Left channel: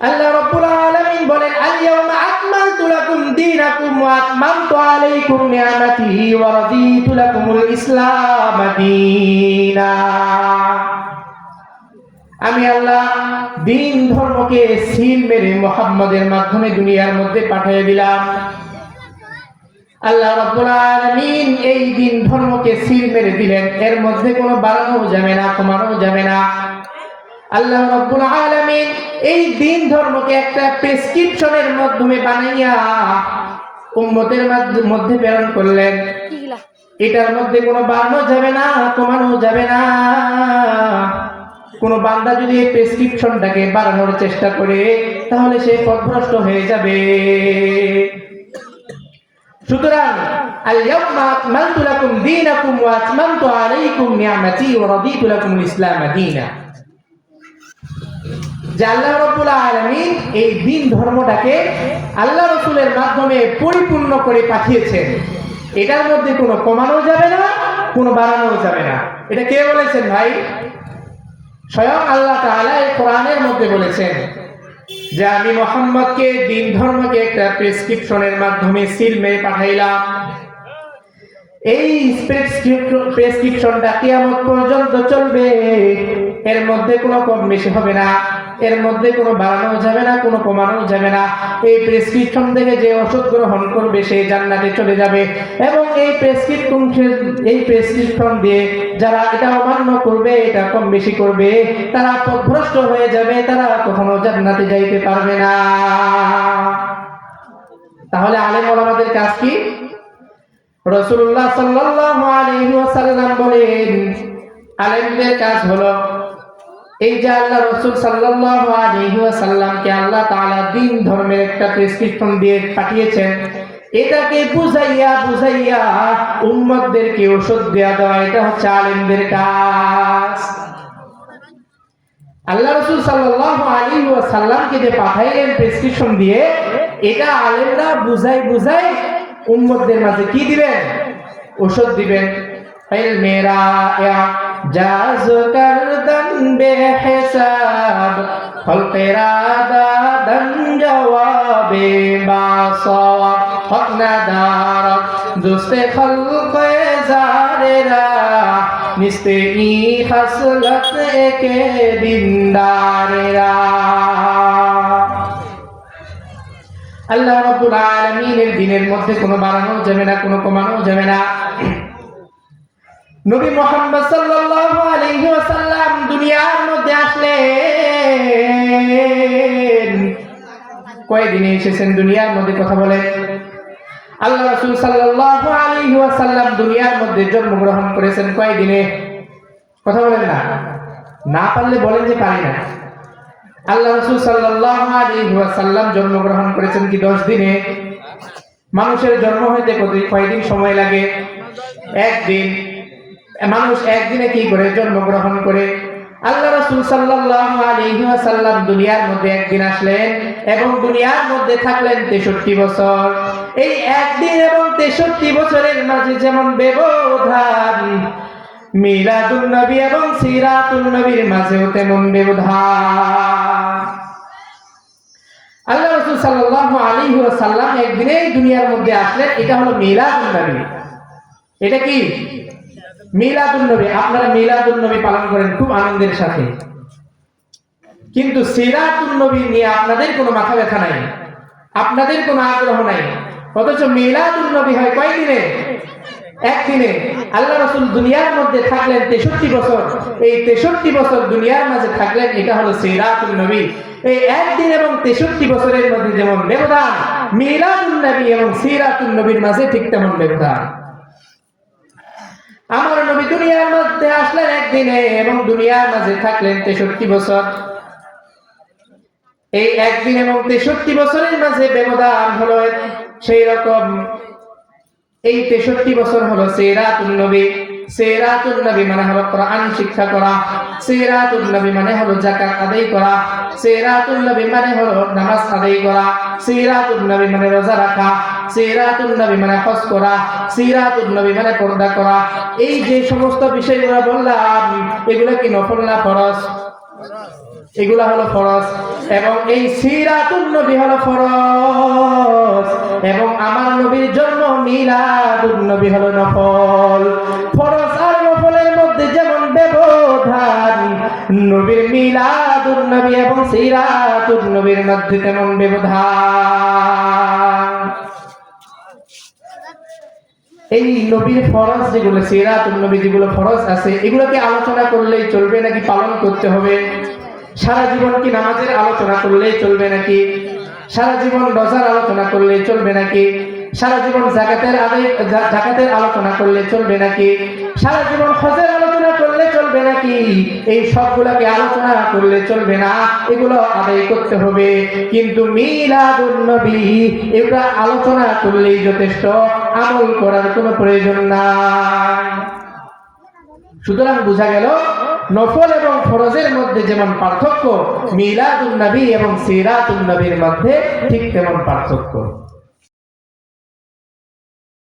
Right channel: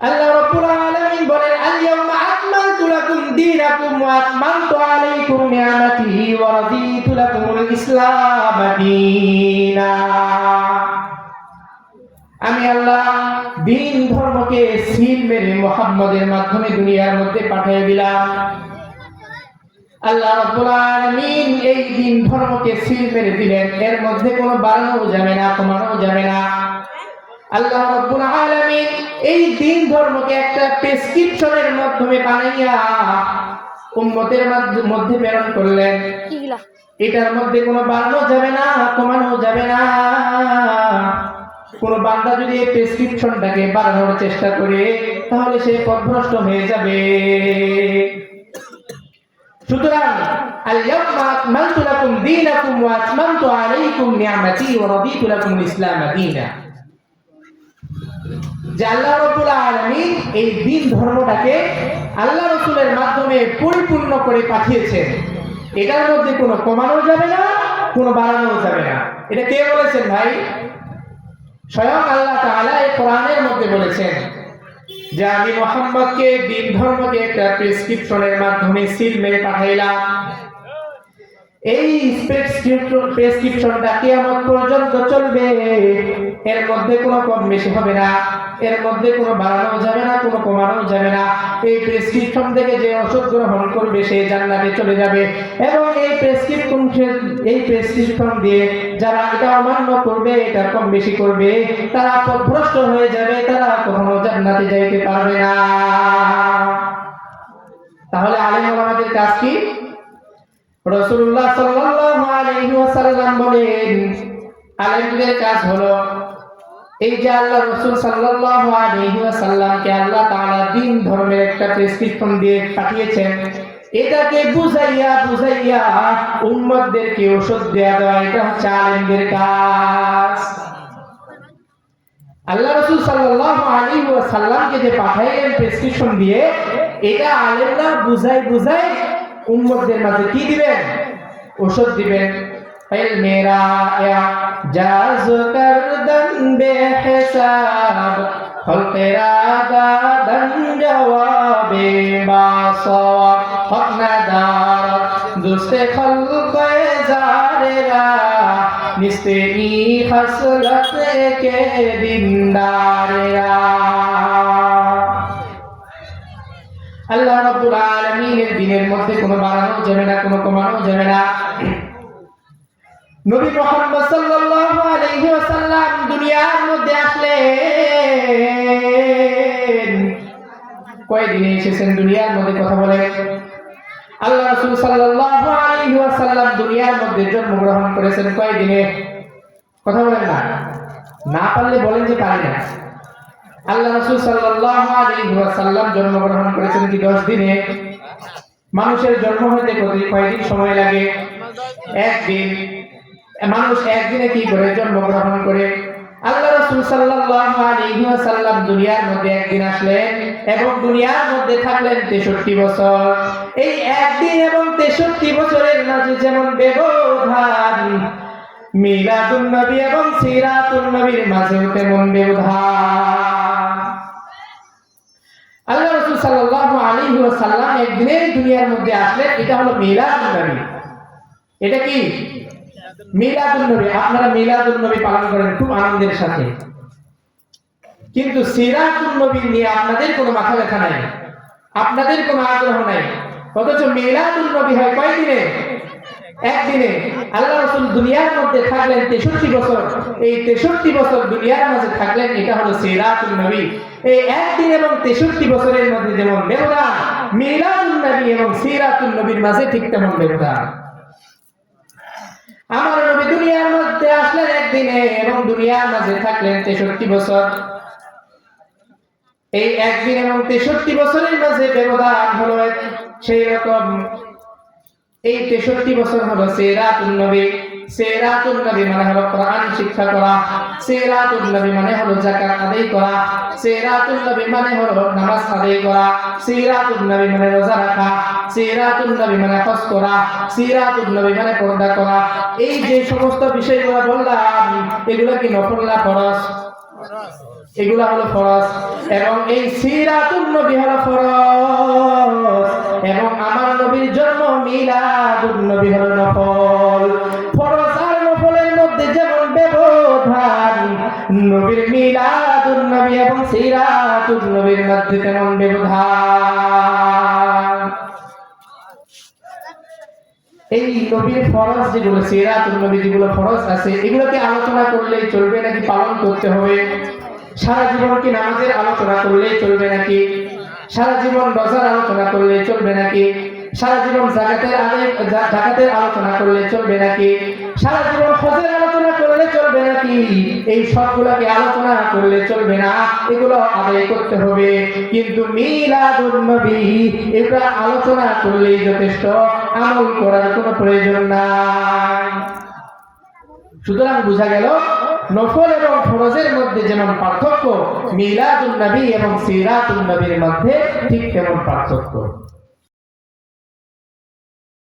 আল্লাহ রাব্বুল আলামিন বলেন, আল-ইয়াওমা আকমালতু লাকুম দীনাকুম ওয়া আতমামতু আলাইকুম নি'মাতি ওয়া রাদিতু লাকুমুল ইসলাম দীনা। আমি আল্লাহ দিন ধর্মকে সিল মেরে মুহাম্মদের মাধ্যমে দুনিয়ার মধ্যে পাঠিয়ে দিলাম। আল্লাহ রাব্বুল আলামিন এই দিন ধর্মকে সিল মেরে দিলেন, এর মধ্যে কোনো বাড়ানো যাবে না, কমানো যাবে না। আল্লাহ রাব্বুল আলামিন এই দিন ধর্মকে একটা প্রেসক্রিপশনের মাধ্যমে বানাইয়া উম্মতের মধ্যে প্রেরণ করলেন। এটার মধ্যে কোনো বাড়ানো যাবে না, কমানো যাবে না। কোন বান্দা যদি এই প্রেসক্রিপশনটাকে বাড়ানোর চেষ্টা করে তাহলে সে পথভ্রষ্ট হয়ে যাবে। সুতরাং আল-ইয়াওমা আকমালতু লাকুম দীনাকুম ওয়া আতমামতু আলাইকুম নি'মাতি ওয়া রাদিতু লাকুমুল ইসলাম দীনা। যে আল্লাহ রাব্বুল আলামিন এই দিন ধর্মটাকে আল্লাহ রাসূলের মাধ্যমে পরিপূর্ণ করে পাঠিয়েছেন। এটার মধ্যে কোনো কমানো যাবে না, কোনো বাড়ানো যাবে না। এটা কে বলেছেন ভাই? স্বয়ং আল্লাহ তাআলা এই কোরআনের মধ্যে বলেছেন যে আমি মুহাম্মদকে দিন ধর্মকে একটা প্রেসক্রিপশনের মাধ্যমে সিল মেরে পাঠাইলাম। এই প্রেসক্রিপশনটা কিয়ামত পর্যন্ত চলবে। এর মধ্যে কোনো কম বেশি হবে না, এর মধ্যে কোনো বাড়ানো যাবে না, কোনো কমানো যাবে না। এই প্রেসক্রিপশন থেকে যে ওষুধ গ্রহণ করবে সে জান্নাতে চলে যাবে, এবং এই প্রেসক্রিপশন দিয়ে যারা এটা অমান্য করবে, এটা কম বেশি করবে, তারা পথভ্রষ্ট হয়ে যাবে, তারা কখনো জান্নাতে যাইতে পারবে না। তাহলে আলেম ওলামাদের কাজ কি? রাসূলুল্লাহ সাল্লাল্লাহু আলাইহি ওয়াসাল্লাম বলেন, আলেমদের কাজ হলো এই যে আল্লাহ রাসূল সাল্লাল্লাহু আলাইহি ওয়াসাল্লামকে আল্লাহ তাআলা দিন ধর্মের একটা প্রেসক্রিপশন দিয়ে পাঠিয়েছেন, এটাকে বুঝাইয়া বুঝাইয়া উম্মতদেরকে ওষুধ দেওয়া, এটা হচ্ছে আলেমদের কাজ। আল্লাহ রাসূল সাল্লাল্লাহু আলাইহি ওয়াসাল্লামকে যে পাঠাইলেন প্রেসক্রিপশন দিয়ে, এটা আলেমরা বুঝাই বুঝাই উম্মতদের মাঝে কি দিবেন? ওষুধ দিবেন। মেরা জাজ করদন বেহিসাব খলকেরা দাদন জওয়াবে বাসব হকনাদার দুস্তে খলকে জারেরা নিস্তে ই খাসলত কে দিনদারেরা। আল্লাহ রাব্বুল আলামিনের দিনের মধ্যে কোনো বাড়ানো যাবে না, কোনো কমানো যাবে না। নবী মুহাম্মদ সাল্লাল্লাহু আলাইহি ওয়াসাল্লাম দুনিয়ার মধ্যে আসলেন। কয়দিনে এসেছেন দুনিয়ার মধ্যে? কথা বলেন। আল্লাহ রাসূল সাল্লাল্লাহু আলাইহি ওয়াসাল্লাম দুনিয়ার মধ্যে জন্মগ্রহণ করেছেন কয়দিনে? কথা বলেন না, না পারলে বলেন যে পারি না। আল্লাহ রাসূল সাল্লাল্লাহু আলাইহি ওয়াসাল্লাম জন্মগ্রহণ করেছেন কি 10 দিনে? মানুষের জন্ম হইতে কয়দিন সময় লাগে? একদিন। মানুষ একদিনে কি করে জন্মগ্রহণ করে? আল্লাহ রাসূল সাল্লাল্লাহু আলাইহি ওয়াসাল্লাম দুনিয়ার মধ্যে একদিন আসলেন এবং দুনিয়ার মধ্যে থাকলেন 63 বছর। এই একদিন এবং 63 বছরের মাঝে যেমন ব্যবধান, মিলাদুন নবী এবং সিরাতুন নবীর মাঝেও তেমন ব্যবধান। আল্লাহ রাসূল সাল্লাল্লাহু আলাইহি ওয়াসাল্লাম একদিনে দুনিয়ার মধ্যে আসলেন, এটা হলো মিলাদুন নবী। এটা কি? মিলাদুন নবী। আপনারা মিলাদুন নবী পালন করেন খুব আনন্দের সাথে, কিন্তু সিরাতুন নবী নিয়ে আপনাদের কোনো মাথা ব্যথা নাই, আপনাদের কোনো আগ্রহ নাই। অথচ মিলাদুন নবী হয় কয়দিনে? একদিনে। আল্লাহ রাসূল দুনিয়ার মধ্যে থাকলেন 63 বছর। এই 63 বছর দুনিয়ার মাঝে থাকলেন, এটা হলো সিরাতুন নবী। এই একদিন এবং 63 বছরের মধ্যে যেমন ব্যবধান, মিলাদুন নবী এবং সিরাতুন নবীর মাঝে ঠিক তেমন ব্যবধান। আমার নবী দুনিয়ার মধ্যে আসলেন একদিনে এবং দুনিয়ার মাঝে থাকলেন 63 বছর। এই একদিন এবং 63 বছরের মাঝে ব্যবধান হলো সেই রকম। এই 63 বছর হলো সিরাতুন নবী। সিরাতুন নবী মানে হলো কোরআন শিক্ষা করা, সিরাতুন নবী মানে হলো যাকাত আদায় করা, সিরাতুন নবী মানে হলো নামাজ আদায় করা, সিরাতুন নবী মানে রোজা রাখা, সিরাতুন নবী মানে হজ করা, সিরাতুন নবী মানে পর্দা করা। এই যে সমস্ত বিষয়গুলো বললাম, এগুলো কি নফল না ফরজ? এগুলা হলো ফরজ, এবং এই সিরাতুন নবী হলো ফরজ, এবং আমার নবীর জন্য মিলাদুন নবী হলো নফল। ফরজ আর নফলের মধ্যে যেমন ব্যবধান, নবীর মিলাদুন নবী এবং সিরাতুন নবীর মধ্যে তেমন ব্যবধান। এই নবীর ফরজ যেগুলো, সিরাতুন নবী যেগুলো ফরজ আছে, এগুলোকে আলোচনা করলেই চলবে নাকি পালন করতে হবে? সারা জীবন কি নামাজের আলোচনা করলেই চলবে নাকি? সারা জীবন রোজার আলোচনা করলেই চলবে নাকি? সারা জীবন যাকাতের আলোচনা করলে চলবে নাকি? সারা জীবন হজের আলোচনা করলে চলবে নাকি? এই সবগুলোকে আলোচনা করলে চলবে না, এগুলো আদায় করতে হবে। কিন্তু মিলাদুন নবী এটা আলোচনা করলেই যথেষ্ট, আমল করার কোনো প্রয়োজন নাই। সুতরাং বোঝা গেল নফল এবং ফরজের মধ্যে যেমন পার্থক্য, মিলাদুন নবী এবং সিরাতুন নবীর মধ্যে ঠিক তেমন পার্থক্য।